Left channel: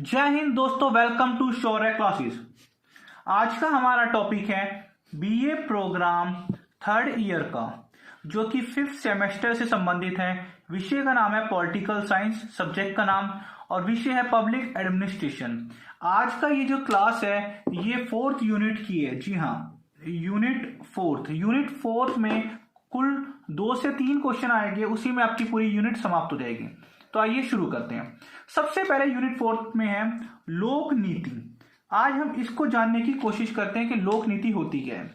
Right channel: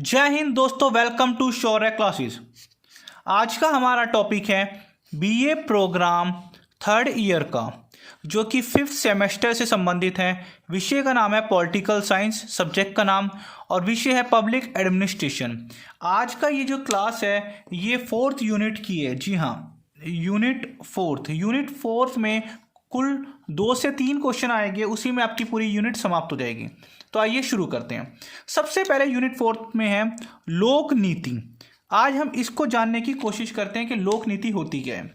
जय हिंद दोस्तों, welcome to Shaurya classes. आज का हमारा टॉपिक है बीए प्रोग्राम थर्ड ईयर का, जो कि फिफ्थ सेमेस्टर से संबंधित है। विषय का नाम है पॉलिटिकल साइंस, सब्जेक्ट का नाम और विषय है पब्लिक एडमिनिस्ट्रेशन। आज का ये जो क्लास है ये फोर्थ यूनिट की है। जी हाँ, यूनिट फोर्थ में कुल 2 से 3 क्वेश्चन आएंगे, उसी में आपकी पूरी यूनिट समाप्त हो जाएगी। तो आइए शुरू करते हैं। सबसे पहले यूनिट फोर्थ में है लोक नीति। आज हम इसको जानने की कोशिश करते हैं कि लोक नीति होती क्या है।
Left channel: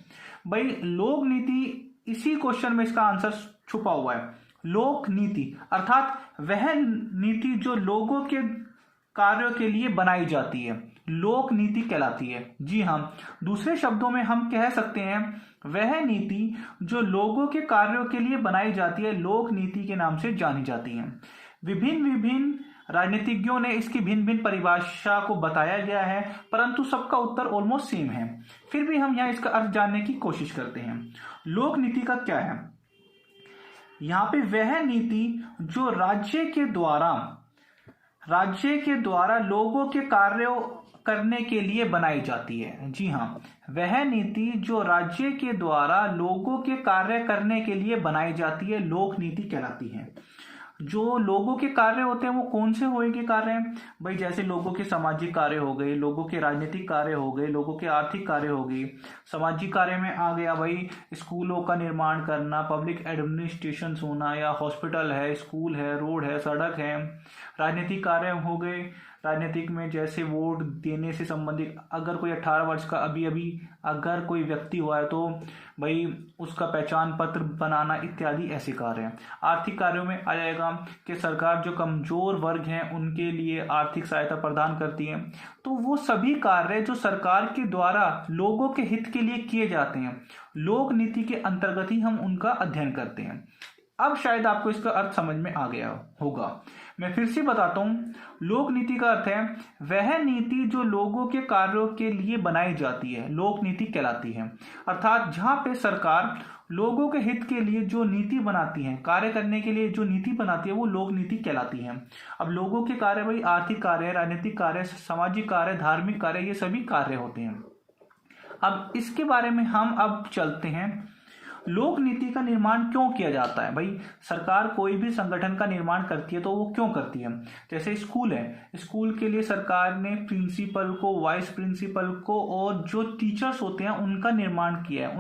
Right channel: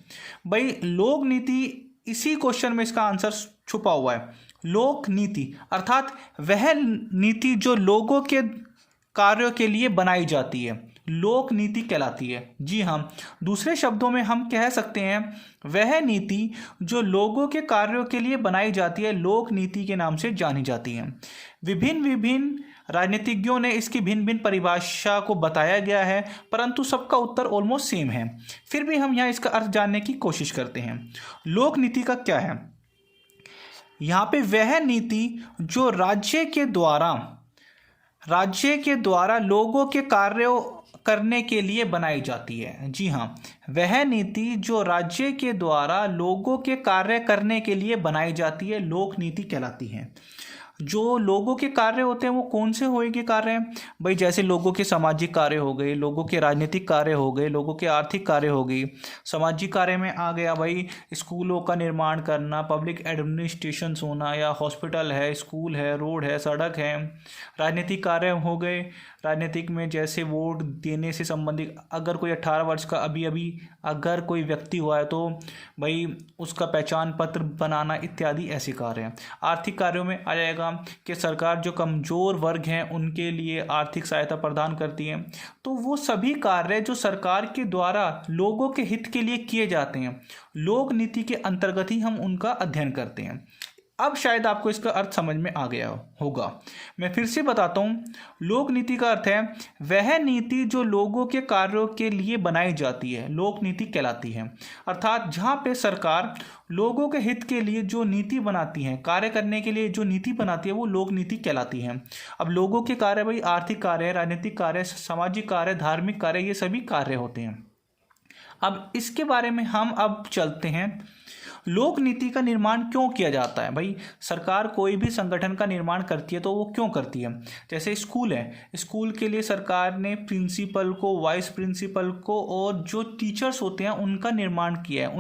भाई, लोक नीति, इसी क्वेश्चन में इसका आंसर छुपा हुआ है। लोक नीति अर्थात वह नीति जो लोगों के कार्यों के लिए बनाई जाती है, लोक नीति कहलाती है। जी हाँ, दूसरे शब्दों में हम कह सकते हैं वह नीति जो लोगों के कार्यों के लिए बनाई जाती है, लोक नीति के नाम से जानी जाती है। विभिन्न राजनीतिज्ञों ने इसकी भिन्न भिन्न परिभाषा को बताया गया है, परंतु सबका उत्तर ऑलमोस्ट सेम है। फिर भी हम यहाँ इसका अर्थ जानने की कोशिश करते हैं। लोक नीति का क्या है? यहाँ पे वह नीति जो राज्य के द्वारा लोगों के कार्यों करने के लिए बनाई जाती है। जी हाँ, वह नीति जो राज्य के द्वारा लोगों के कार्य करने के लिए बनाई जाती है, लोक नीति कहलाती है। जो लोगों के कार्य होते हैं वो कौन से होंगे कार्य हैं भाई? जैसे लोगों के सामाजिक कार्य हो गए, लोगों के राजनीतिक कार्य हो गए, लोगों के आर्थिक कार्य हो गई। सामाजिक कार्य में आ गया भाई स्कूलों का निर्माण करना, पब्लिक एडमिनिस्ट्रेशन होना, या हॉस्पिटल है, स्कूल है, रोड है, सड़क है। राजनीतिक कार्य हो गए, राजनीतिक में जैसे वोट देने से संबंधित, अगर कोई 18 वर्ष का अभी अगर कोई व्यक्ति हुआ है तो भाई उसका पहचान पत्र बनाना इत्यादि ऐसे कार्य हैं। आर्थिक कार्यों में आ जाएगा कि सरकार जो कमजोर वर्ग हैं उनके लिए आर्थिक सहायता प्रदान करती है। तो वो सभी कार्य जो सरकार के द्वारा लोगों के हित के लिए किए जाते हैं, लोक नीति के अंतर्गत ही हम उनका अध्ययन करते हैं। अब शायद आपको इसका अर्थ समझ में आ गया होगा। मैं फिर से बताता हूँ। लोक नीति का अर्थ है वह नीति जो लोगों के कार्यों के लिए बनाई जाती है, लोक नीति कहलाती है। अर्थात जहाँ पे सरकार लोगों के हित के लिए जो नीति बनाती है, कार्य करने के लिए जो नीति बनाती है, वो लोक नीति कहलाती है। अब लोगों के कार्य भाई आर्थिक कार्य, राजनीतिक कार्य, सामाजिक कार्य, धार्मिक कार्य, ये सभी कार्य होते हैं। अब इसके बारे में हम अब चलते हैं। लोक नीति का निर्माण क्यों किया जाता है? भाई, सरकार कोई भी संगठन का निर्माण करती है तो वो क्यों करती है? जैसे स्कूल है, स्कूल के लिए सरकार ने प्रिंसिपल को, वाइस प्रिंसिपल को और जो टीचर्स होते हैं उनका निर्माण किया है,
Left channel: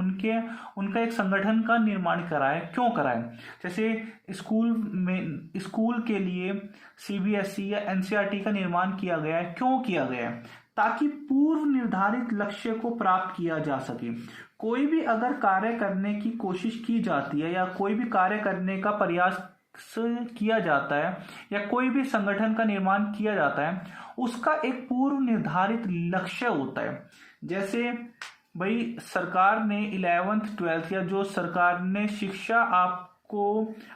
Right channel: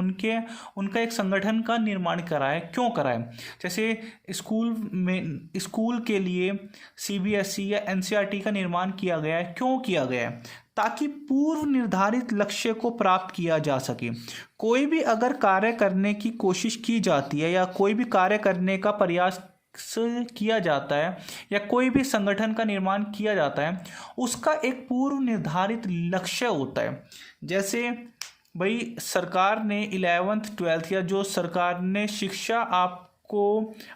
उनका एक संगठन का निर्माण करा है। क्यों करा है? जैसे स्कूल के लिए CBSE या NCERT का निर्माण किया गया है। क्यों किया गया है? ताकि पूर्व निर्धारित लक्ष्य को प्राप्त किया जा सके। कोई भी अगर कार्य करने की कोशिश की जाती है, या कोई भी कार्य करने का प्रयास किया जाता है, या कोई भी संगठन का निर्माण किया जाता है, उसका एक पूर्व निर्धारित लक्ष्य होता है। जैसे भाई सरकार ने 11th 12th या जो सरकार ने शिक्षा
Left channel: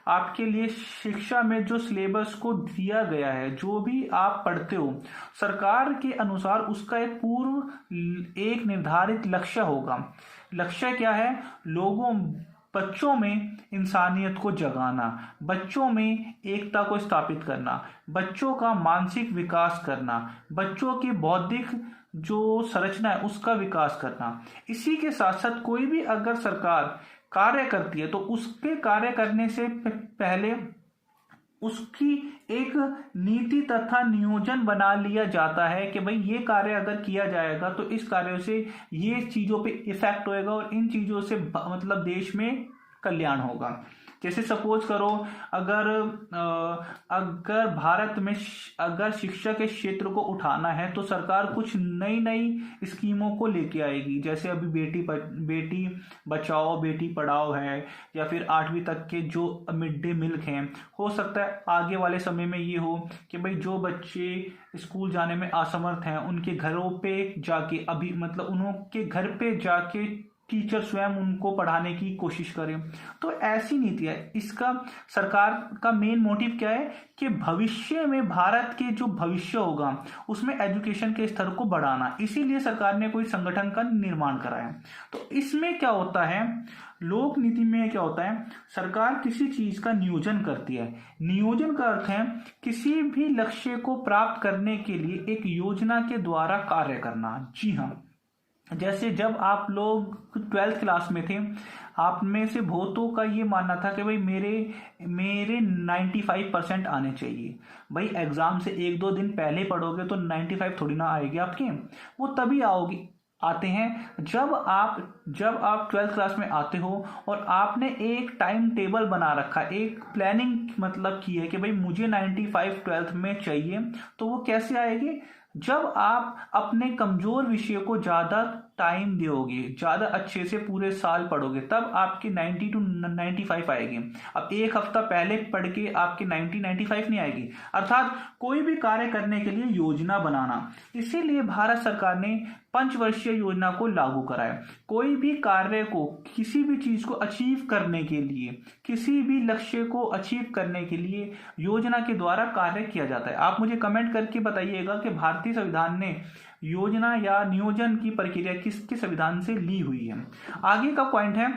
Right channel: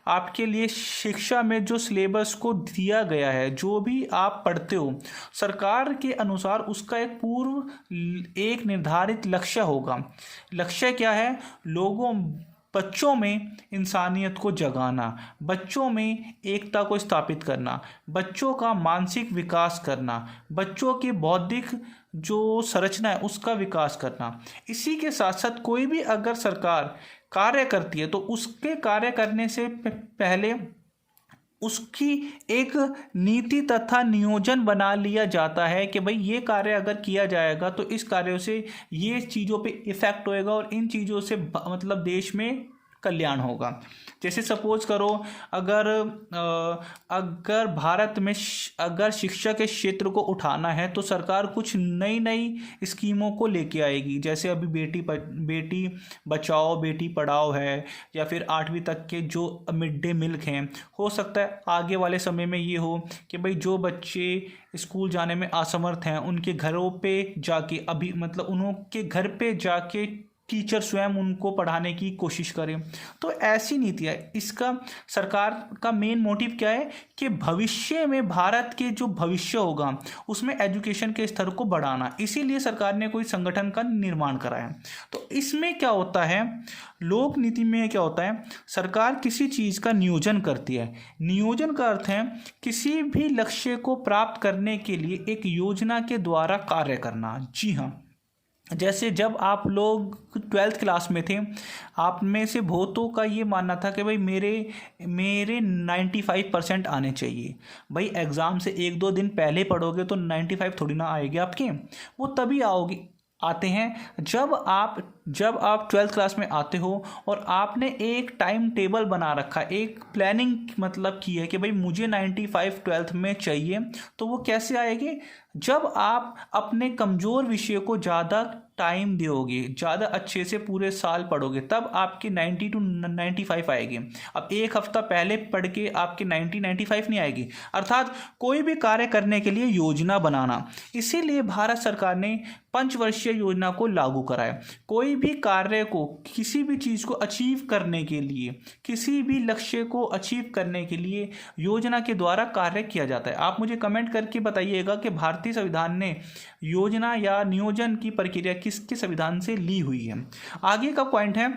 आपके लिए शिक्षा में जो सिलेबस को दिया गया है, जो भी आप पढ़ते हो, सरकार के अनुसार उसका एक निर्धारित लक्ष्य होगा। लक्ष्य क्या है? बच्चों में इंसानियत को जगाना, बच्चों में एकता को स्थापित करना, बच्चों का मानसिक विकास करना, बच्चों की बौद्धिक जो संरचना है उसका विकास करना। इसी के साथ साथ कोई भी अगर सरकार कार्य करती है तो उसके कार्य करने से पहले उसकी एक नीति तथा नियोजन बना लिया जाता है कि भाई ये कार्य अगर किया जाएगा तो इस कार्यों से ये चीज़ों पे इफेक्ट होएगा और इन चीज़ों से मतलब देश में कल्याण होगा। जैसे सपोज करो, अगर भारत में अगर शिक्षा के क्षेत्र को उठाना है तो सरकार कुछ नई स्कीमों को लेके आएगी। जैसे अभी बेटी बचाओ बेटी पढ़ाओ है, या फिर 8वीं तक के जो मिड डे मील हैं। हो सकता है आगे वाले समय में ये हो कि भाई जो बच्चे स्कूल जाने में असमर्थ हैं उनके घरों पे जाके, उनके घर पे जाके टीचर स्वयं उनको पढ़ाने की कोशिश करें। तो ऐसी नीति है। इसका सरकार का मेन मोटिव क्या है कि भविष्य में भारत के जो भविष्य होगा उसमें एजुकेशन के स्तर को बढ़ाना, इसीलिए सरकार ने कोई संगठन का निर्माण करा है। तो इसमें क्या होता है, लोक नीति में क्या होता है, सरकार किसी चीज़ का नियोजन करती है। नियोजन का अर्थ है किसी भी लक्ष्य को प्राप्त करने के लिए एक योजना के द्वारा कार्य करना। जी हाँ, जैसे जब आप लोग 12th क्लास में थे, आप में से बहुतों का ये मानना था कि भाई मेरे मेरे 95% आने चाहिए। भाई एग्ज़ाम से 1-2 दिन पहले पढ़ोगे तो 95 थोड़ी ना आएंगे आपके, वो तभी आते हैं जब आप 12th क्लास में आते हो और आपने एक टाइम टेबल बना रखा, एक प्लानिंग मतलब की है कि भाई मुझे 95 12th में चाहिए। तो वो कैसे आएगी, जब आप अपने कमज़ोर विषय को ज़्यादा टाइम दोगे, ज़्यादा अच्छे से पूरे साल पढ़ोगे, तब आपकी 90 to 95 आएगी। अब एक हफ्ता पहले पढ़ के आपकी 90-95 नहीं आएगी। अर्थात कोई भी कार्य करने के लिए योजना बनाना, इसीलिए भारत सरकार ने पंचवर्षीय योजना को लागू कराया। कोई भी कार्य को, किसी भी चीज़ को अचीव करने के लिए, किसी भी लक्ष्य को अचीव करने के लिए योजना के द्वारा कार्य किया जाता है। आप मुझे कमेंट करके बताइएगा कि भारतीय संविधान ने योजना या नियोजन की प्रक्रिया किसके संविधान से ली हुई है। आगे का पॉइंट है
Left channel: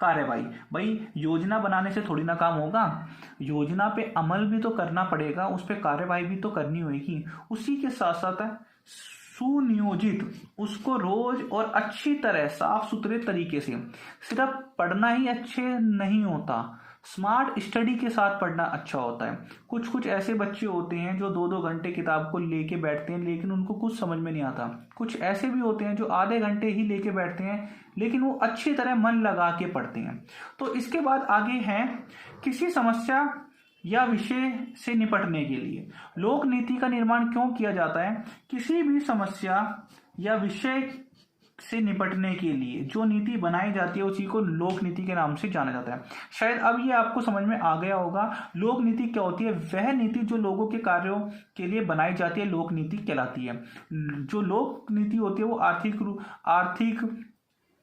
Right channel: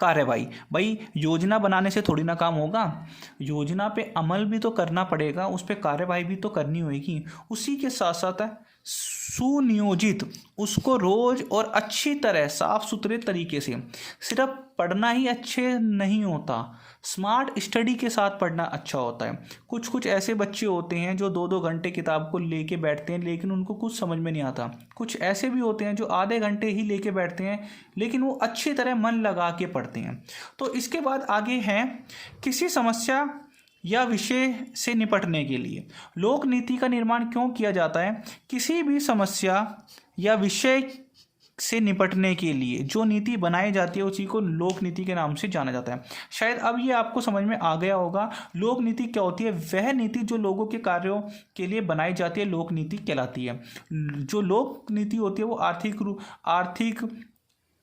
कार्यवाही। भाई योजना बनाने से थोड़ी ना काम होगा, योजना पे अमल भी तो करना पड़ेगा, उस पर कार्यवाही भी तो करनी होगी। उसी के साथ साथ सुनियोजित, उसको रोज और अच्छी तरह साफ सुथरे तरीके से, सिर्फ पढ़ना ही अच्छे नहीं होता, स्मार्ट स्टडी के साथ पढ़ना अच्छा होता है। कुछ ऐसे बच्चे होते हैं जो 2-2 घंटे किताब को लेके बैठते हैं लेकिन उनको कुछ समझ में नहीं आता। कुछ ऐसे भी होते हैं जो आधे घंटे ही लेके बैठते हैं लेकिन वो अच्छी तरह मन लगा के पढ़ते हैं। तो इसके बाद आगे हैं किसी समस्या या विषय से निपटने के लिए लोक नीति का निर्माण क्यों किया जाता है। किसी भी समस्या या विषय से निपटने के लिए जो नीति बनाई जाती है उसी को लोक नीति के नाम से जाना जाता है। शायद अब ये आपको समझ में आ गया होगा लोक नीति क्या होती है। वह नीति जो लोगों के कार्यों के लिए बनाई जाती है लोक नीति कहलाती है। जो लोक नीति होती है वो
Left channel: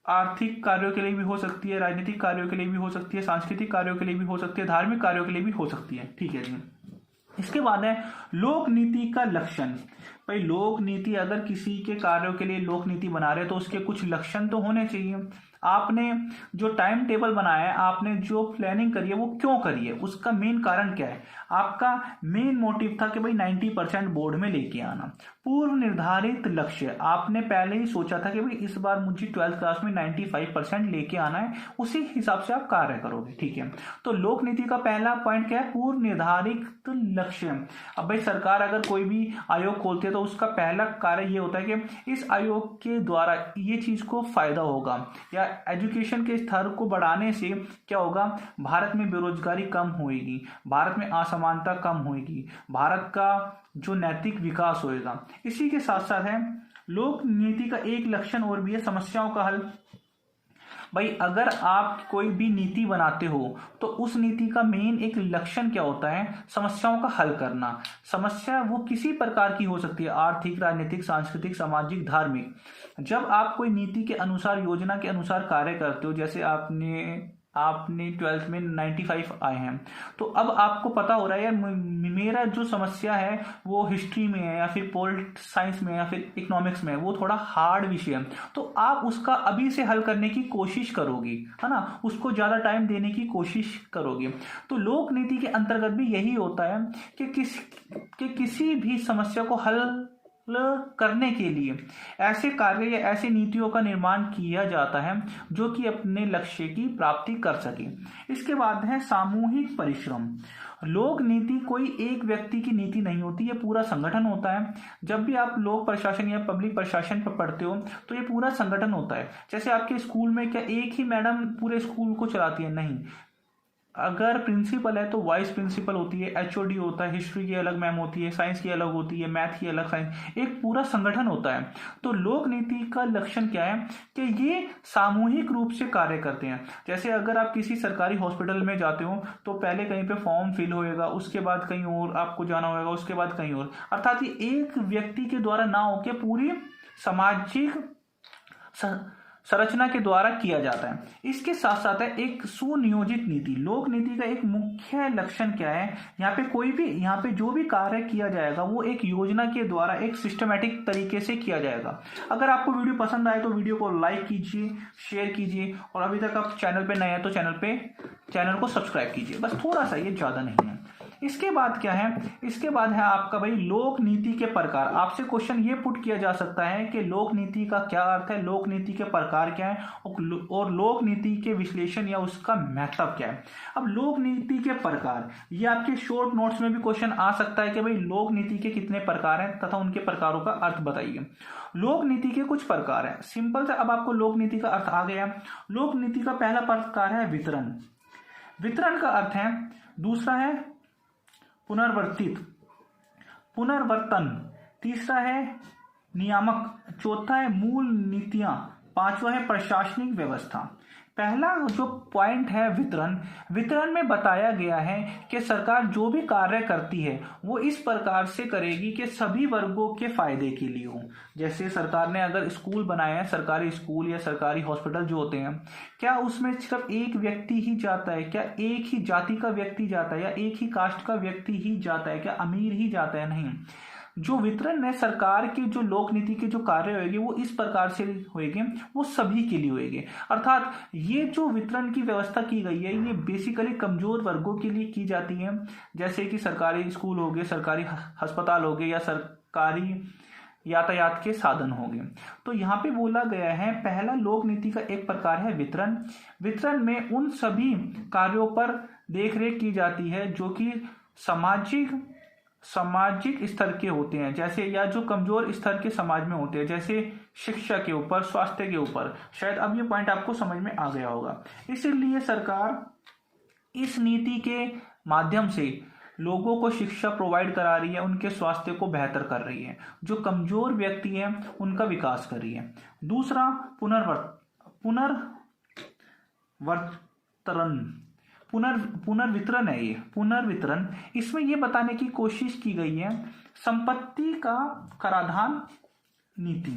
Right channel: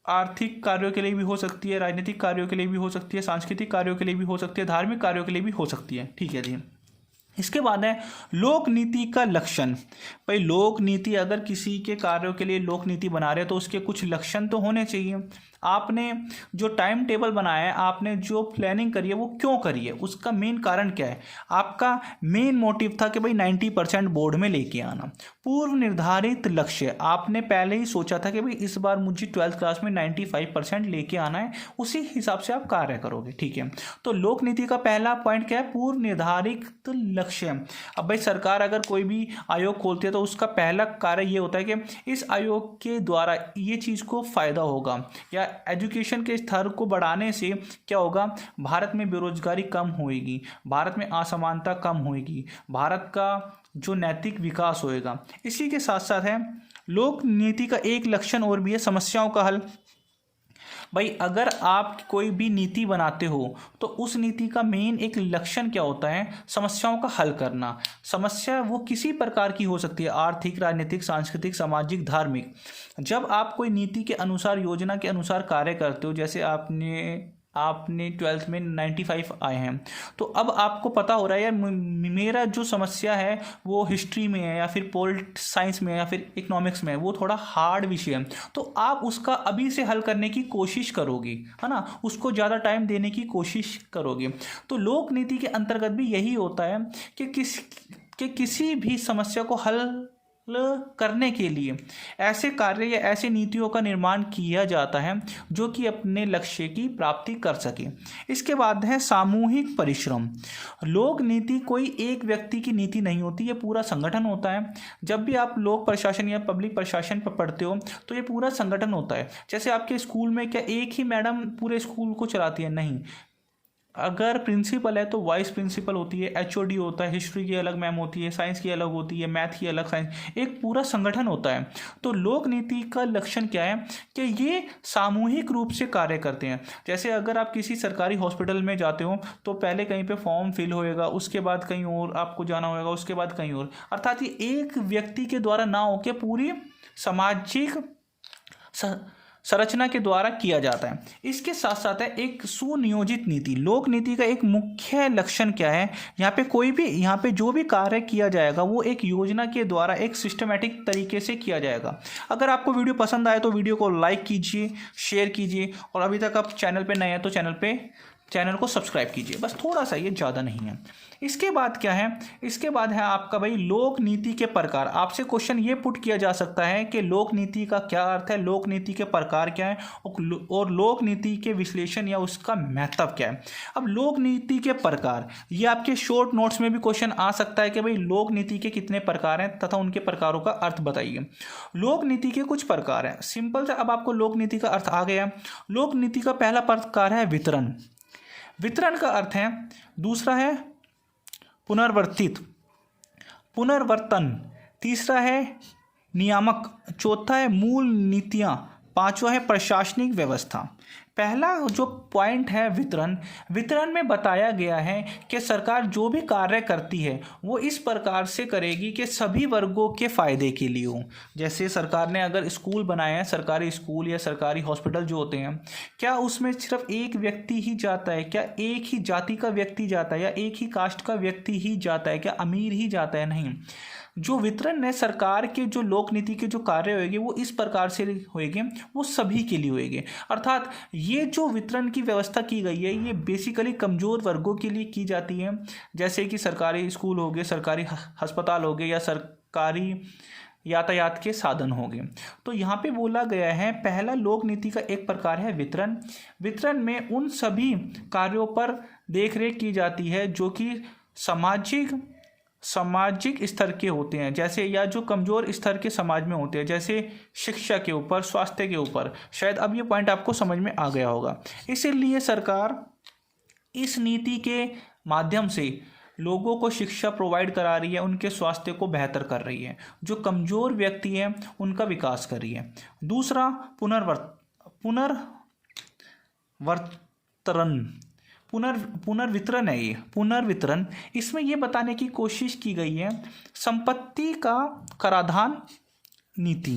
आर्थिक कार्यों के लिए भी हो सकती है, राजनीतिक कार्यों के लिए भी हो सकती है, सांस्कृतिक कार्यों के लिए भी हो सकती है, धार्मिक कार्यों के लिए भी हो सकती है। ठीक है जी। इसके बाद है लोक नीति का लक्षण। भाई लोक नीति, अगर किसी के कार्यों के लिए लोक नीति बना रहे हैं तो उसके कुछ लक्षण तो होने चाहिए। आपने जो टाइम टेबल बनाया है, आपने जो प्लानिंग करी है वो क्यों करी है, उसका मेन कारण क्या है। आपका मेन मोटिव था कि भाई 90% बोर्ड में लेके आना। पूर्व निर्धारित लक्ष्य, आपने पहले ही सोचा था कि भाई इस बार मुझे 12th क्लास में 95% लेके आना है, उसी हिसाब से आप कार्य करोगे। ठीक है, तो लोक नीति का पहला पॉइंट क्या है, पूर्व निर्धारित लक्ष्य। अब भाई सरकार अगर कोई भी आयोग खोलती है तो उसका पहला कार्य ये होता है कि इस आयोग के द्वारा ये चीज़ को फायदा होगा, या एजुकेशन के स्तर को बढ़ाने से क्या होगा, भारत में बेरोजगारी कम होएगी, भारत में असमानता कम होएगी, भारत का जो नैतिक विकास होएगा। इसी के साथ साथ है लोक नीति का एक लक्षण और भी है, समस्याओं का हल। भाई अगर आप कोई भी नीति बनाते हो तो उस नीति का मेन एक लक्षण क्या होता है, समस्याओं का हल करना। समस्या वो किसी प्रकार की हो सकती है, आर्थिक, राजनीतिक, सांस्कृतिक, सामाजिक, धार्मिक। जब आप कोई नीति के अनुसार, योजना के अनुसार कार्य करते हो, जैसे आपने 12th में 95 आए हैं, तो अब आपको पता हो रहा है यार मेरा जो समस्या है वो हिस्ट्री में है, या फिर पॉलिटिक्स साइंस में है, या फिर इकोनॉमिक्स में है, वो थोड़ा हार्ड विषय है, तो आप उसका अभी से हल करने की कोशिश करोगे, है ना, उसको ज़्यादा टाइम देने की कोशिश करोगे। तो लोक नीति के अंतर्गत भी यही होता है कि किसी भी समस्या को हल करने के लिए ऐसे कार्य या ऐसी नीतियों का निर्माण किया जाता है जो कि अपने लक्ष्य की प्राप्ति कर सके। इसके बाद है सामूहिक परिश्रम। लोक नीति कोई एक व्यक्ति की नीति नहीं होती, ये पूरा संगठन होता है। जब भी आप लोक प्रशासन या पब्लिक प्रशासन पर पढ़ते हो तो ये पूरा संगठन होता है। जैसे आपके स्कूल में क्या एक ही मैडम पूरे स्कूल को चलाती है, नहीं। अगर प्रिंसिपल है तो वाइस प्रिंसिपल होती है, एचओडी होता है, हिस्ट्री की अलग मैम होती है, साइंस की अलग होती है, मैथ की अलग, साइंस, एक पूरा संगठन होता है। तो लोक नीति का लक्षण क्या है कि ये सामूहिक रूप से कार्य करते हैं। जैसे अगर आप किसी सरकारी हॉस्पिटल में जाते हो तो पहले कहीं पे फॉर्म फिल होएगा, उसके बाद कहीं और आपको जाना होगा, उसके बाद कहीं और। अर्थात ये एक व्यक्ति के द्वारा ना होकर पूरी सामाजिक संरचना के द्वारा किया जाता है। इसके साथ साथ है एक सुनियोजित नीति। लोक नीति का एक मुख्य लक्षण क्या है, यहाँ पे जो भी कार्य किया जाएगा वो एक योजना के द्वारा एक सिस्टमेटिक तरीके से किया जाएगा। अगर आपको वीडियो पसंद आए तो वीडियो को लाइक कीजिए, शेयर कीजिए, और अभी तक आप चैनल पे नए हैं तो चैनल को सब्सक्राइब कीजिए। बस थोड़ा सा, ये ज़्यादा नहीं है। इसके बाद क्या है, इसके बाद है आपका भाई लोक नीति के प्रकार। आपसे क्वेश्चन ये पुट किया जा सकता है कि लोक नीति का क्या अर्थ है, लोक नीति के प्रकार क्या है, और लोक नीति के विश्लेषण या उसका महत्व क्या है। अब लोक नीति के प्रकार, ये आपके शॉर्ट नोट्स में भी क्वेश्चन आ सकता है कि भाई लोक नीति के कितने प्रकार हैं तथा उनके प्रकारों का अर्थ बताइए। लोक नीति के कुछ प्रकार हैं, सिंपल से। अब आपको लोक नीति का अर्थ आ गया। लोक नीति का पहला प्रकार है वितरण। वितरण का अर्थ है, दूसरा है पुनर्वर्तन, तीसरा है नियामक, चौथा है मूल नीतियां, पांचवा है प्रशासनिक व्यवस्था। पहला जो पॉइंट है वितरण में बताया गया है कि सरकार जो भी कार्य करती है वो इस प्रकार से करेगी कि सभी वर्गों के फायदे के लिए हो। जैसे सरकार ने अगर स्कूल बनाया है, सरकारी स्कूल या सरकारी हॉस्पिटल जो होते हैं, क्या उसमें सिर्फ एक व्यक्ति ही जाता है, क्या एक ही जाति का व्यक्ति जाता है, या एक ही कास्ट का व्यक्ति ही जाता है, क्या अमीर ही जाता है? नहीं। जो वितरण है सरकार के, जो लोक नीति के जो कार्य होंगे वो इस प्रकार से होंगे, वो सभी के लिए होंगे। अर्थात ये जो वितरण की व्यवस्था की गई है ये बेसिकली कमजोर वर्गों के लिए की जाती है, जैसे कि सरकारी स्कूल हो गए, सरकारी अस्पताल हो गए, या सरकारी यातायात के साधन हो गए। तो यहाँ पे बोला गया है पहला लोक नीति का एक प्रकार है वितरण। वितरण में उन सभी कार्यों पर देखरेख की जाती है जो कि सामाजिक स्तर के होते हैं, जैसे या जो कमजोर स्तर के समाज में होते हैं, जैसे शिक्षा के ऊपर, स्वास्थ्य के ऊपर। शायद अब ये पॉइंट आपको समझ में आ गया होगा। इसीलिए सरकार इस नीति के माध्यम से लोगों को शिक्षा प्रोवाइड करा रही है, उनके स्वास्थ्य को बेहतर कर रही है, जो कमजोर व्यक्ति हैं उनका विकास कर रही है। दूसरा पुनर्वितरण है। ये पुनर्वितरण, इसमें ये बताने की कोशिश की गई है संपत्ति का कराधान नीति।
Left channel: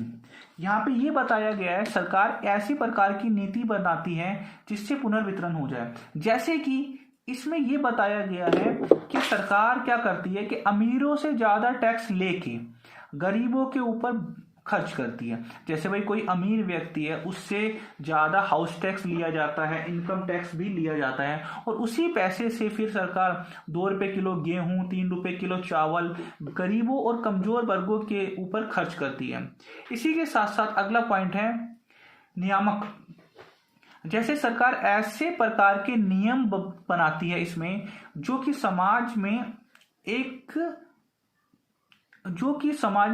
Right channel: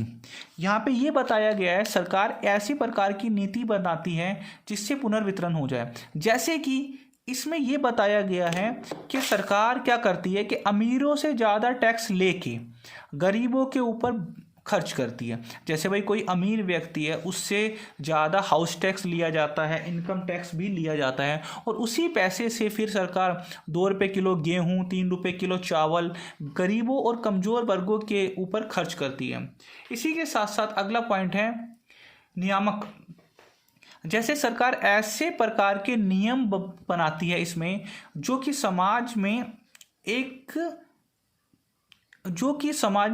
यहाँ पे ये बताया गया है सरकार ऐसी प्रकार की नीति बनाती है जिससे पुनर्वितरण हो जाए। जैसे कि इसमें ये बताया गया है कि सरकार क्या करती है कि अमीरों से ज़्यादा टैक्स लेके गरीबों के ऊपर खर्च करती है। जैसे भाई कोई अमीर व्यक्ति है उससे ज़्यादा हाउस टैक्स लिया जाता है, इनकम टैक्स भी लिया जाता है, और उसी पैसे से फिर सरकार 2 रुपये किलो गेहूँ, 3 रुपये किलो चावल गरीबों और कमज़ोर वर्गों के ऊपर खर्च करती है। इसी के साथ साथ अगला पॉइंट है नियामक। जैसे सरकार ऐसे प्रकार के नियम बनाती है इसमें जो कि समाज में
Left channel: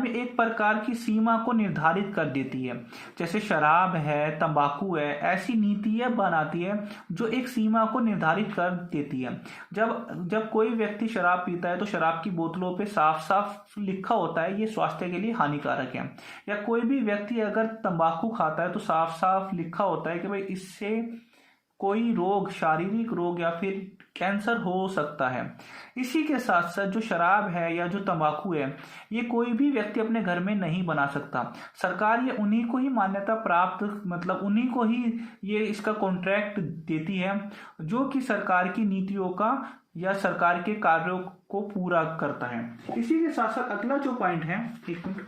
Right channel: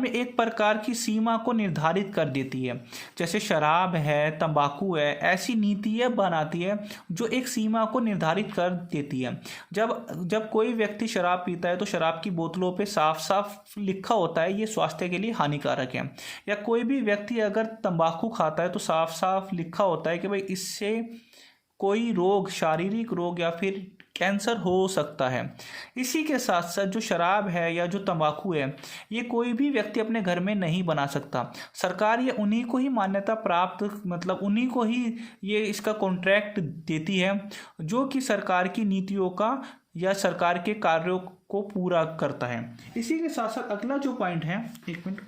एक प्रकार की सीमा को निर्धारित कर देती है। जैसे शराब है, तंबाकू है, ऐसी नीतियाँ बनाती है जो एक सीमा को निर्धारित कर देती है। जब कोई व्यक्ति शराब पीता है तो शराब की बोतलों पे साफ साफ लिखा होता है ये स्वास्थ्य के लिए हानिकारक है, या कोई भी व्यक्ति अगर तंबाकू खाता है तो साफ साफ लिखा होता है कि भाई इससे कोई रोग, शारीरिक रोग या फिर कैंसर हो सकता है। इसी के साथ साथ जो शराब है या जो तंबाकू है ये कोई भी व्यक्ति अपने घर में नहीं बना सकता। सरकार ये उन्हीं को ही मान्यता प्राप्त, मतलब उन्हीं को ही ये इसका कॉन्ट्रैक्ट देती है जो कि सरकार की नीतियों का या सरकार के कार्यों को पूरा करता है। इसी के साथ साथ अगला जो पॉइंट है, एक मिनट,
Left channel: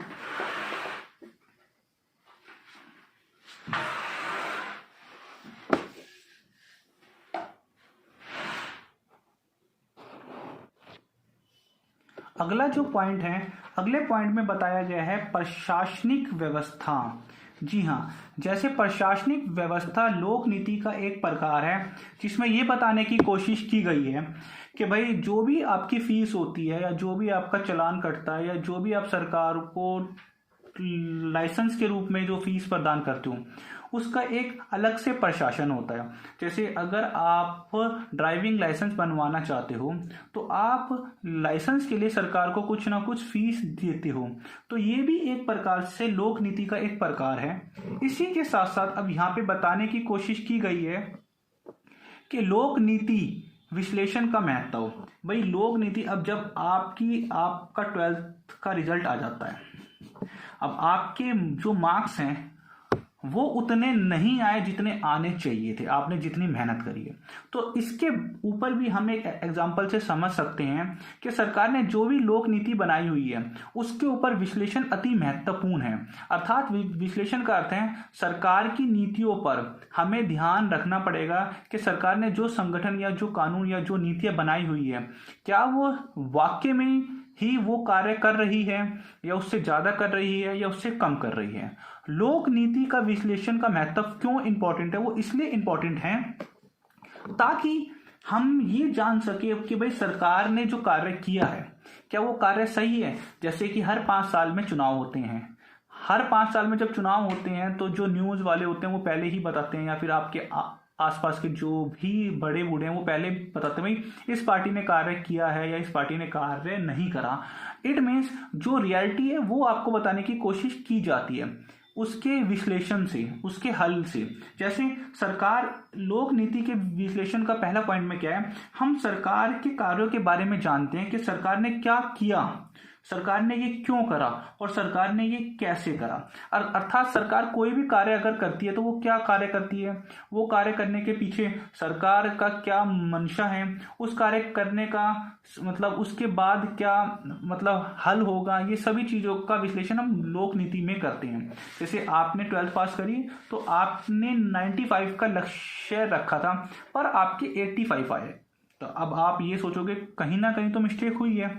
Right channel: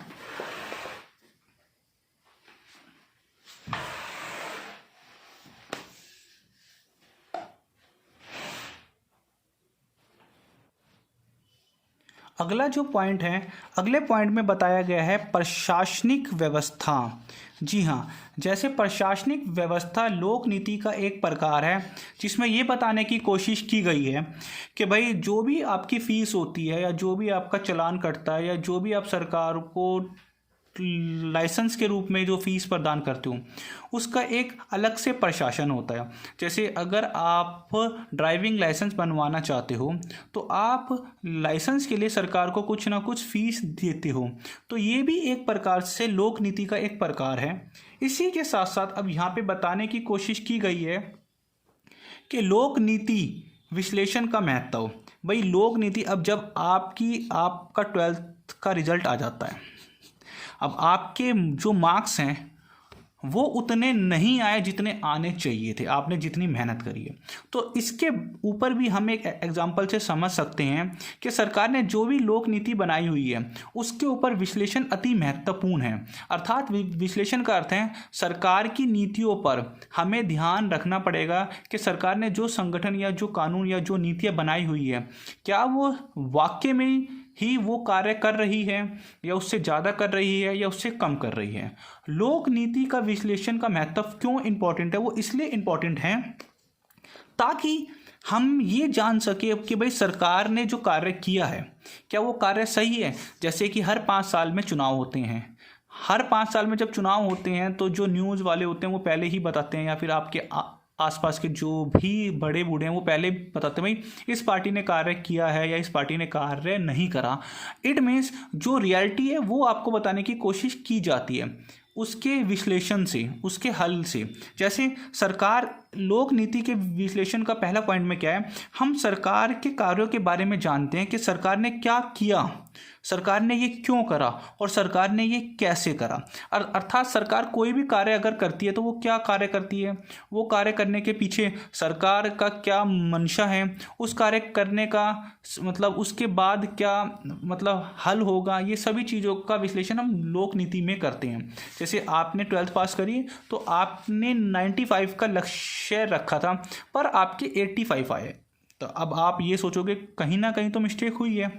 अगला जो पॉइंट है, अगले पॉइंट में बताया गया है प्रशासनिक व्यवस्था। जी हाँ, जैसे प्रशासनिक व्यवस्था लोक नीति का एक प्रकार है जिसमें ये बताने की कोशिश की गई है कि भाई जो भी आपकी फीस होती है या जो भी आपका चालान कटता है या जो भी आप सरकार को लाइसेंस के रूप में जो फीस प्रदान करते हो उसका एक अलग से प्रशासन होता है। जैसे अगर आप ड्राइविंग लाइसेंस बनवाना चाहते हो तो आप लाइसेंस के लिए सरकार को कुछ ना कुछ फीस देते हो, तो ये भी एक प्रकार से लोक नीति का एक प्रकार है। इसी के साथ साथ अब यहाँ पे बताने की कोशिश की गई है कि लोक नीति विश्लेषण का महत्व। भाई लोक नीति, अब जब आपका 12th का रिजल्ट आ जाता है, अब आपके जो मार्क्स हैं वो उतने नहीं आए जितने आने चाहिए थे, आपने जितनी मेहनत करी है। तो इसके ऊपर भी हम एक एग्जाम्पल से समझ सकते हैं कि सरकार ने जो भी लोक नीति बनाई हुई है उसके ऊपर विश्लेषण अति महत्वपूर्ण है। अर्थात विश्लेषण का अर्थ है सरकार की नीतियों पर हमें ध्यान रखना पड़ेगा कि सरकार ने जो संगठन या जो कानून या जो नीतियाँ बनाई हुई है क्या वो वाकई में ही वो कार्य कर रही है, या उससे ज़्यादा कर रही है, या उससे कम कर रही है। लोक नीति का विश्लेषण का महत्व क्यों इम्पोर्टेंट है? वो इसलिए इम्पोर्टेंट है ताकि हम ये जान सके कि भाई सरकार ने जो कार्य किया है क्या वो कार्य सही है। जैसे कि हर 5 साल में चुनाव होते हैं, हर 5 साल में जब चुनाव होते हैं तो जो न्यूज़ वाले होते हैं वो पहले ही बताते हैं, या फिर आपके आसपास के जो भी बड़े बूढ़े हैं वो पहले बताते हैं भाई इस पार्टी ने कार्य किया है या इस पार्टी ने कार्य नहीं करा। इट मीन्स जो रियलिटी है वो आपको बताने की कोशिश की जाती है उसके विश्लेषण से, उसके हल से। जैसे सरकार लोक नीति के विश्लेषण का पहला पॉइंट में क्या है, हम सरकार के कार्यों के बारे में जानते हैं कि सरकार ने क्या किया, सरकार ने ये क्यों करा और सरकार ने ये कैसे करा। अर्थात सरकार कोई भी कार्य अगर करती है तो वो क्या कार्य करती है, वो कार्य करने के पीछे सरकार का क्या मंशा है, उस कार्य करने का मतलब उसके बाद क्या मतलब हल होगा, ये सभी चीज़ों का विश्लेषण हम लोक नीति में करते हैं। जैसे आपने 12th पास करी तो आपने 95 का लक्ष्य रखा था पर आपके 85 आए, तो अब आप ये सोचोगे कहीं ना कहीं तो मिस्टेक हुई है।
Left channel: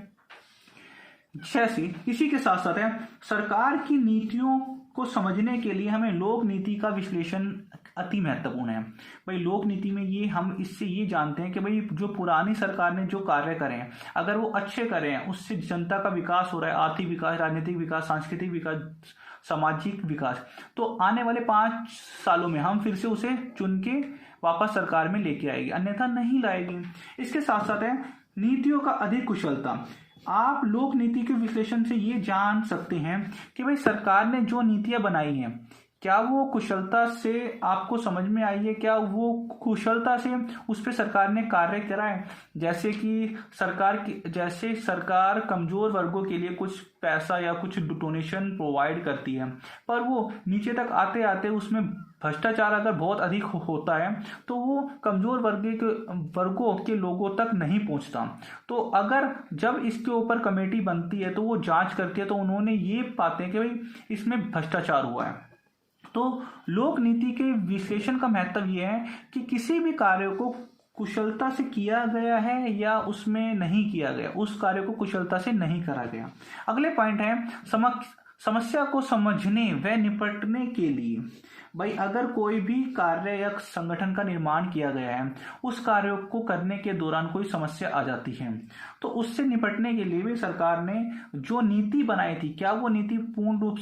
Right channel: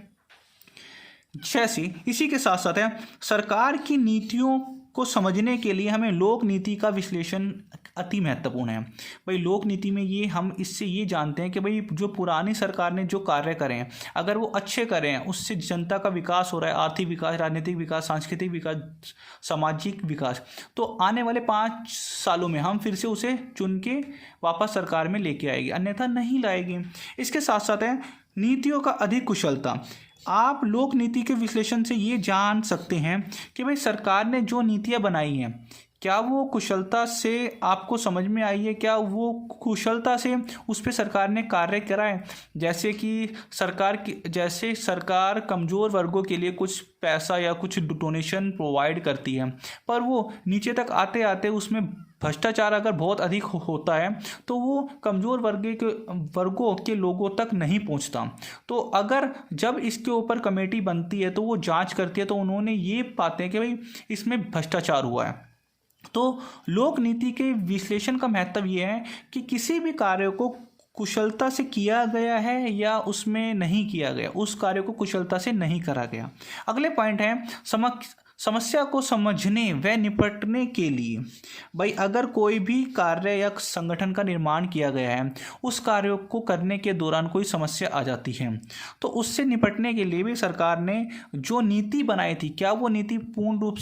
जैसे इसी के साथ साथ है सरकार की नीतियों को समझने के लिए हमें लोक नीति का विश्लेषण अति महत्वपूर्ण है। भाई लोक नीति में ये हम इससे ये जानते हैं कि भाई जो पुरानी सरकार ने जो कार्य करे हैं अगर वो अच्छे करे हैं उससे जनता का विकास हो रहा है, आर्थिक विकास, राजनीतिक विकास, सांस्कृतिक विकास, सामाजिक विकास, तो आने वाले 5 सालों में हम फिर से उसे चुन के वापस सरकार में लेके आएगी, अन्यथा नहीं लाएगी। इसके साथ साथ है नीतियों का अधिक कुशलता। आप लोक नीति के विश्लेषण से ये जान सकते हैं कि भाई सरकार ने जो नीतियाँ बनाई हैं क्या वो कुशलता से आपको समझ में आई है, क्या वो कुशलता से उस पर सरकार ने कार्य करा है। जैसे कि सरकार कमज़ोर वर्गों के लिए कुछ पैसा या कुछ डोनेशन प्रोवाइड करती है पर वो नीचे तक आते आते उसमें भ्रष्टाचार अगर बहुत अधिक होता है तो वो कमज़ोर वर्गों के लोगों तक नहीं पहुंचता। तो अगर जब इसके ऊपर कमेटी बनती है तो वो जांच करती है तो उन्होंने ये पाते हैं कि भाई इसमें भ्रष्टाचार हुआ है। तो लोक नीति के विश्लेषण का महत्व ये है कि किसी भी कार्य को कुशलता से किया गया है या उसमें नहीं किया गया, उस कार्य को कुशलता से नहीं करा गया। अगले पॉइंट है समस्या को समझने व निपटने के लिए। भाई अगर कोई भी कार्य या संगठन का निर्माण किया गया है, उस कार्य को करने के दौरान कोई समस्या आ जाती है तो उससे निपटने के लिए भी सरकार ने जो नीति बनाई थी क्या वो नीति पूर्ण रूप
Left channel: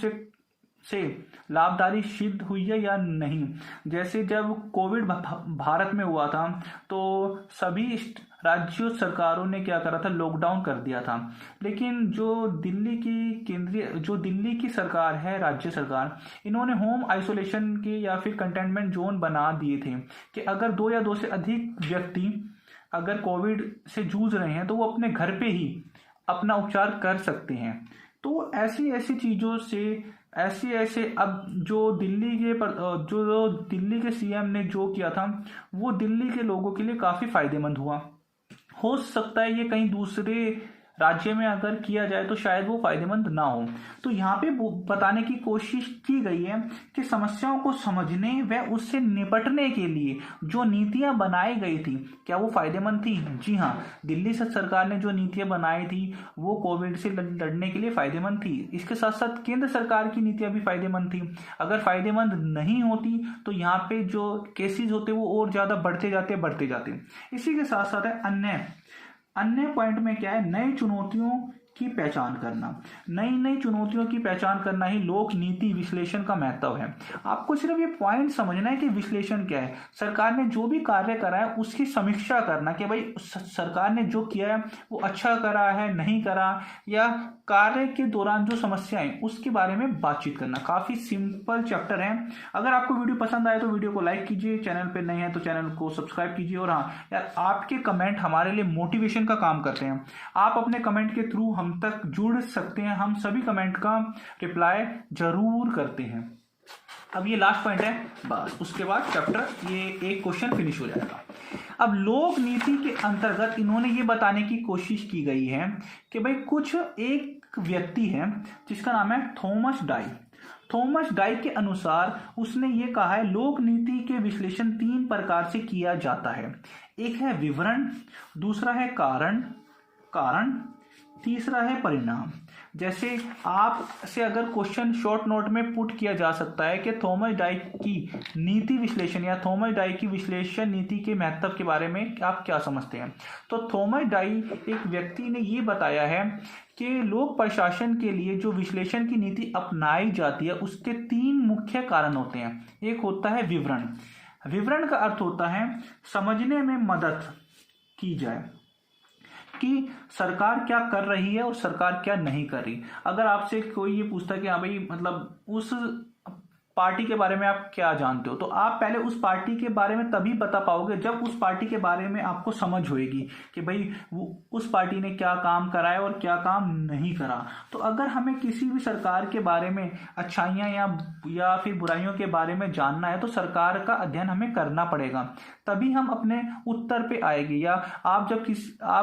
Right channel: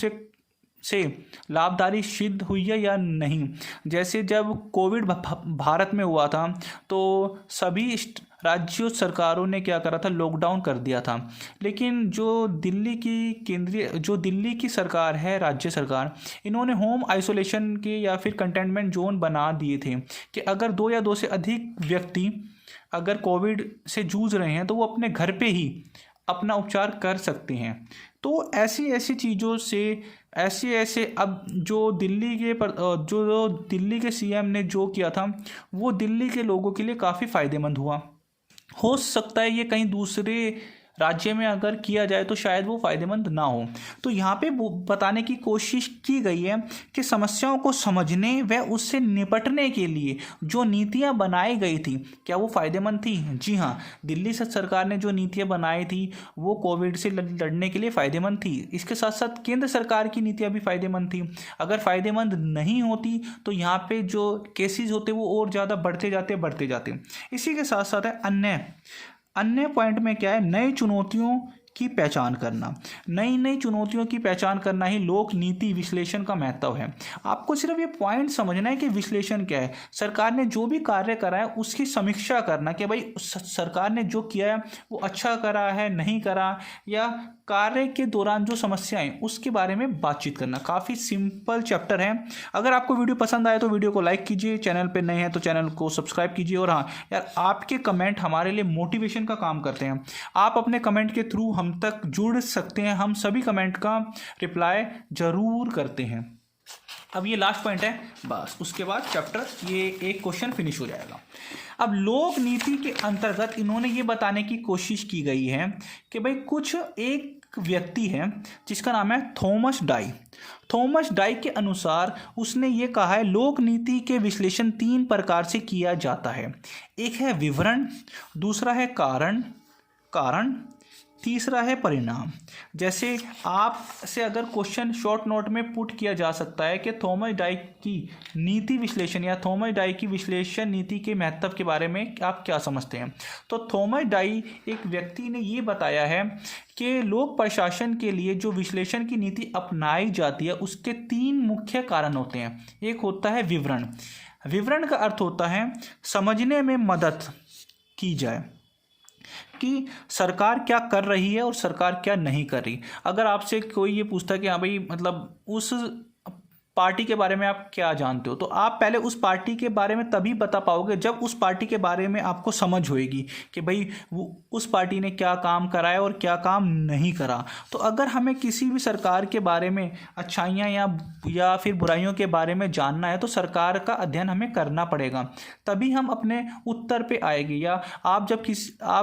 से लाभकारी सिद्ध हुई है या नहीं। जैसे जब कोविड भारत में हुआ था तो सभी राज्यों सरकारों ने क्या करा था, लॉकडाउन कर दिया था। लेकिन जो दिल्ली की सरकार है, राज्य सरकार, इन्होंने होम आइसोलेशन के या फिर कंटेनमेंट जोन बना दिए थे कि अगर 2 या 2 से अधिक व्यक्ति अगर कोविड से जूझ रहे हैं तो वो अपने घर पे ही अपना उपचार कर सकते हैं। तो ऐसी चीज़ों से ऐसे अब जो दिल्ली के सीएम ने जो किया था वो दिल्ली के लोगों के लिए काफ़ी फायदेमंद हुआ। हो सकता है ये कहीं दूसरे राज्य में अगर किया जाए तो शायद वो फायदेमंद ना हो। तो यहाँ पे बताने की कोशिश की गई है कि समस्याओं को समझने व उससे निपटने के लिए जो नीतियाँ बनाई गई थी क्या वो फायदेमंद थी। जी हाँ, दिल्ली सरकार ने जो नीतियाँ बनाई थी वो कोविड से लड़ने के लिए फ़ायदेमंद थी। इसके साथ साथ केंद्र सरकार की नीतियाँ भी फायदेमंद थी। अगर फायदेमंद नहीं होती तो यहाँ पे जो केसेस होते वो और ज़्यादा बढ़ते जाते। इसी के साथ साथ है अन्य पॉइंट में क्या है, नई चुनौतियों की पहचान करना। नई चुनौतियों की पहचान करना ही लोक नीति विश्लेषण का महत्व है। आपको सिर्फ ये पॉइंट समझना है कि विश्लेषण क्या है। सरकार ने जो भी कार्य करा है उसकी समीक्षा करना कि भाई सरकार ने जो किया है वो अच्छा करा है, नहीं करा, या कार्य के दौरान जो समस्याएं उसके बारे में बातचीत करना। काफ़ी सिंपल चैप्टर है। अगर आपको वीडियो पसंद आए तो वीडियो को लाइक कीजिए, चैनल पे नए हैं तो चैनल को सब्सक्राइब कीजिए। और हाँ यार, आपके कमेंट हमारे लिए मोटिवेशन का काम करते हैं। आप अपने कमेंट के थ्रू हम तक जुड़ सकते हैं। हम सभी कमेंट का रिप्लाई ज़रूर करते हैं। अब ये लास्ट पॉइंट है, बस उसके बाद चैप्टर ये एक क्वेश्चन फिनिश हो जाएगा। अब लोक नीति के अंतर्गत इन्होंने ये बताने की कोशिश की गई है कि भाई कुछ एक व्यक्ति है जिसका नाम है थॉमस डाई। थॉमस डाई के अनुसार उसने ये कहा है लोक नीति के विश्लेषण 3 प्रकार से किया जाता है। एक है विवरण, दूसरा है कारण, तीसरा है परिणाम। जैसे आप से अगर क्वेश्चन शॉर्ट नोट में पुट किया जा सकता है कि थॉमस डाई की नीति विश्लेषण या थॉमस डाई की विश्लेषण नीति के महत्व के बारे में आप क्या समझते हैं। तो थॉमस डाई एक व्यक्ति ने ये बताया है कि लोक प्रशासन के लिए जो विश्लेषण की नीति अपनाई जाती है उसके 3 मुख्य कारण होते हैं। एक होता है विवरण। विवरण का अर्थ होता है समझने में मदद की जाए कि सरकार क्या कर रही है और सरकार क्या नहीं कर रही। अगर आपसे कोई ये पूछता है कि हाँ भाई मतलब उस पार्टी के बारे में आप क्या जानते हो, तो आप पहले उस पार्टी के बारे में तभी बता पाओगे जब उस पार्टी के बारे में आपको समझ होएगी कि भाई वो उस पार्टी ने क्या काम करा है और क्या काम नहीं करा। तो अगर हमें किसी भी सरकार के बारे में अच्छाइयाँ या फिर बुराइयों के बारे में जानना है तो सरकार का अध्ययन हमें करना पड़ेगा, तभी हम अपने उत्तर पे आएंगे। या आप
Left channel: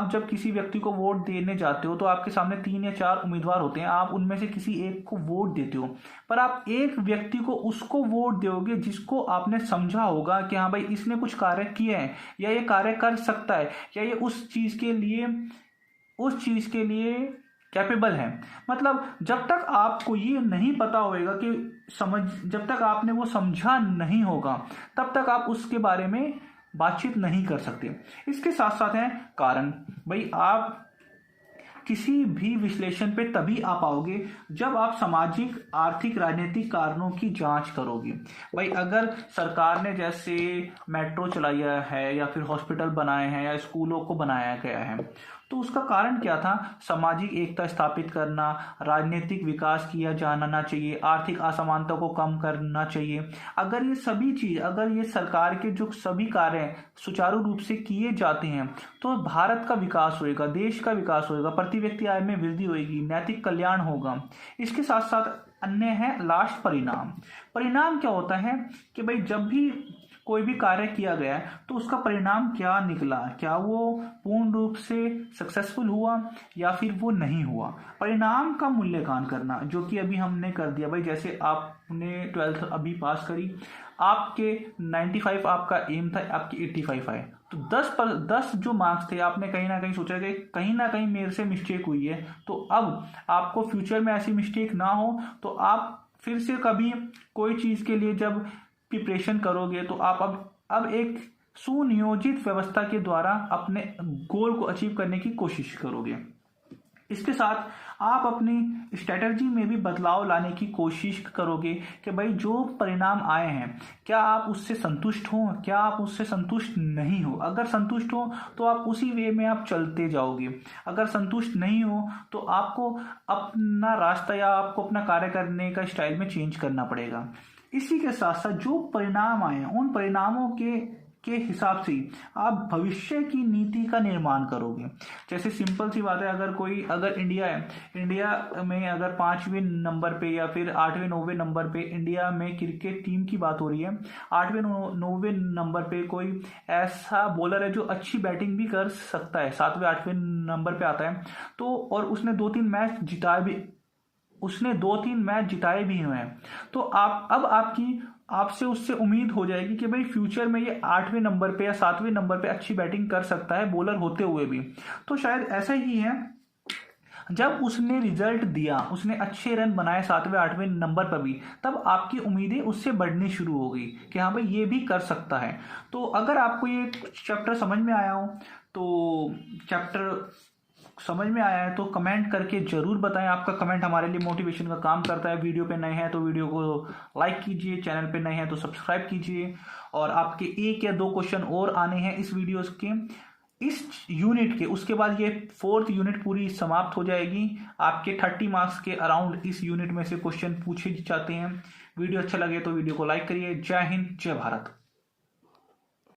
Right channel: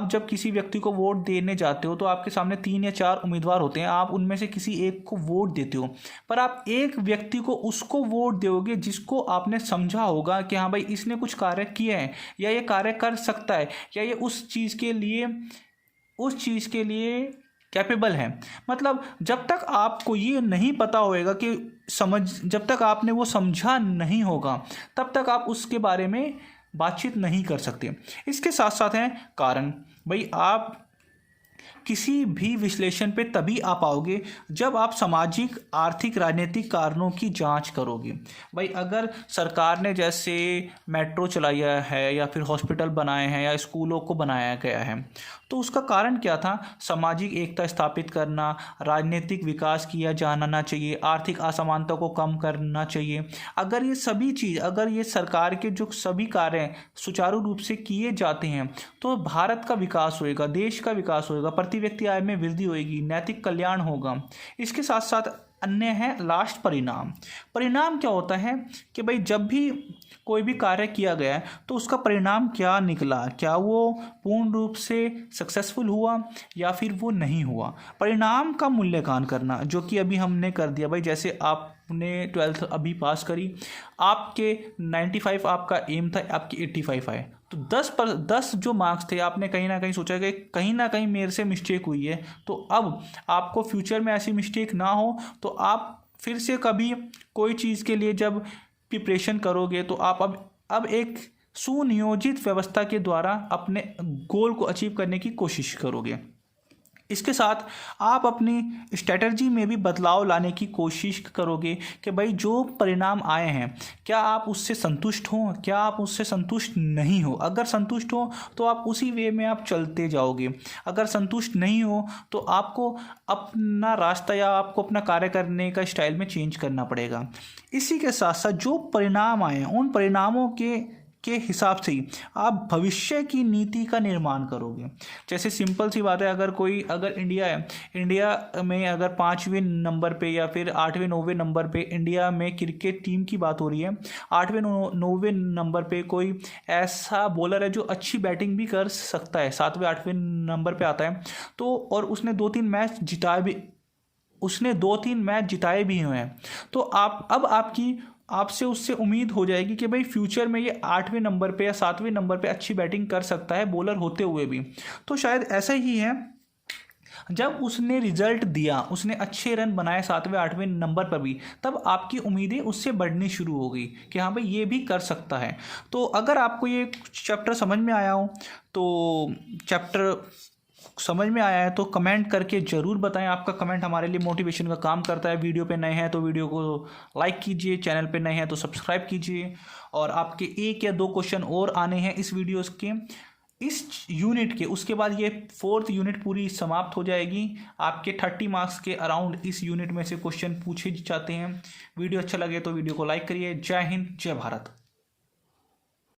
जब किसी व्यक्ति को वोट देने जाते हो तो आपके सामने 3 या 4 उम्मीदवार होते हैं, आप उनमें से किसी एक को वोट देते हो, पर आप एक व्यक्ति को उसको वोट दोगे जिसको आपने समझा होगा कि हाँ भाई इसने कुछ कार्य किए हैं या ये कार्य कर सकता है या ये उस चीज़ के लिए कैपेबल है। मतलब जब तक आपको ये नहीं पता होएगा कि जब तक आपने वो समझा नहीं होगा तब तक आप उसके बारे में बातचीत नहीं कर सकते। इसके साथ साथ है कारण। भाई आप किसी भी विश्लेषण पे तभी आ पाओगे जब आप सामाजिक, आर्थिक, राजनीतिक कारणों की जांच करोगे। भाई अगर सरकार ने जैसे मेट्रो चलाया है या फिर हॉस्पिटल बनाए हैं या स्कूलों को बनाया गया है तो उसका कारण क्या था? सामाजिक एकता स्थापित करना, राजनीतिक विकास किया जाना चाहिए, आर्थिक असमानता को कम करना चाहिए। अगर ये सरकार के जो सभी कार्य सुचारू रूप से किए जाते हैं तो भारत का विकास होएगा, देश का विकास होएगा, प्रति व्यक्ति आय में वृद्धि होएगी, नैतिक कल्याण होगा। इसके साथ साथ अन्य है लास्ट परिणाम। परिणाम क्या होता है कि भाई जब भी कोई भी कार्य किया गया है तो उसका परिणाम क्या निकला, क्या वो पूर्ण रूप से सक्सेसफुल हुआ या फिर वो नहीं हुआ। परिणाम का मूल्यांकन करना जो कि अभी हमने कर दिया। भाई जैसे आपने 12th अभी पास करी, आपके 95 आपका एम था, आपकी 85 आए, तो 10 जो मार्क्स थे आपने कहीं ना कहीं सोचा कि कहीं ना कहीं मेरे से मिस्टेक हुई है। तो अब आपको फ्यूचर में ऐसी मिस्टेक ना हो तो आप फिर से कभी कोई चीज़ के लिए जब प्रिपरेशन करोगे तो आप अब एक सुनियोजित व्यवस्था के द्वारा अपने गोल को अचीव करने की कोशिश करोगे। इसके साथ आप अपनी स्ट्रेटजी में भी बदलाव लाने की कोशिश करोगे कि भाई जो परिणाम आए हैं क्या आप उससे संतुष्ट हो, क्या आप उससे संतुष्ट नहीं हो। अगर संतुष्ट हो तो आप उसी वे में आप चलते जाओगे, अगर संतुष्ट नहीं हो तो आपको अपना रास्ता या आपको अपना कार्य करने का स्टाइल में चेंज करना पड़ेगा। इसी के साथ साथ जो परिणाम आए उन परिणामों के हिसाब से ही आप भविष्य की नीति का निर्माण करोगे। जैसे सिंपल सी बात है, अगर इंडिया है, इंडिया में अगर 5वें नंबर पे या फिर 8वें 9वें नंबर पे इंडिया में क्रिकेट टीम की बात हो रही है, 8वें 9वें नंबर पे कोई ऐसा बॉलर है जो अच्छी बैटिंग भी कर सकता है, 7वें 8वें नंबर पे आता है तो और उसने 2-3 मैच जिताए भी हुए हैं, तो आपसे उससे उम्मीद हो जाएगी कि भाई फ्यूचर में ये 8वें नंबर पे या 7वें नंबर पे अच्छी बैटिंग कर सकता है बॉलर होते हुए भी। तो शायद ऐसा ही है, जब उसने रिजल्ट दिया, उसने अच्छे रन बनाए 7वें 8वें नंबर पर भी, तब आपकी उम्मीदें उससे बढ़नी शुरू हो गई कि हाँ भाई ये भी कर सकता है। तो अगर आपको ये चैप्टर समझ में आया हो तो कमेंट करके ज़रूर बताएं। आपका कमेंट हमारे लिए मोटिवेशन का काम करता है। वीडियो पे नए हैं तो वीडियो को लाइक कीजिए, चैनल पे नए हैं तो सब्सक्राइब कीजिए। और आपके 1 या 2 क्वेश्चन और आने हैं इस वीडियोस के, इस यूनिट के, उसके बाद ये 4th यूनिट पूरी समाप्त हो जाएगी। आपके 30 मार्क्स के अराउंड इस यूनिट में से क्वेश्चन पूछे जाते हैं। वीडियो अच्छा लगे तो वीडियो को लाइक करिए। जय हिंद, जय भारत।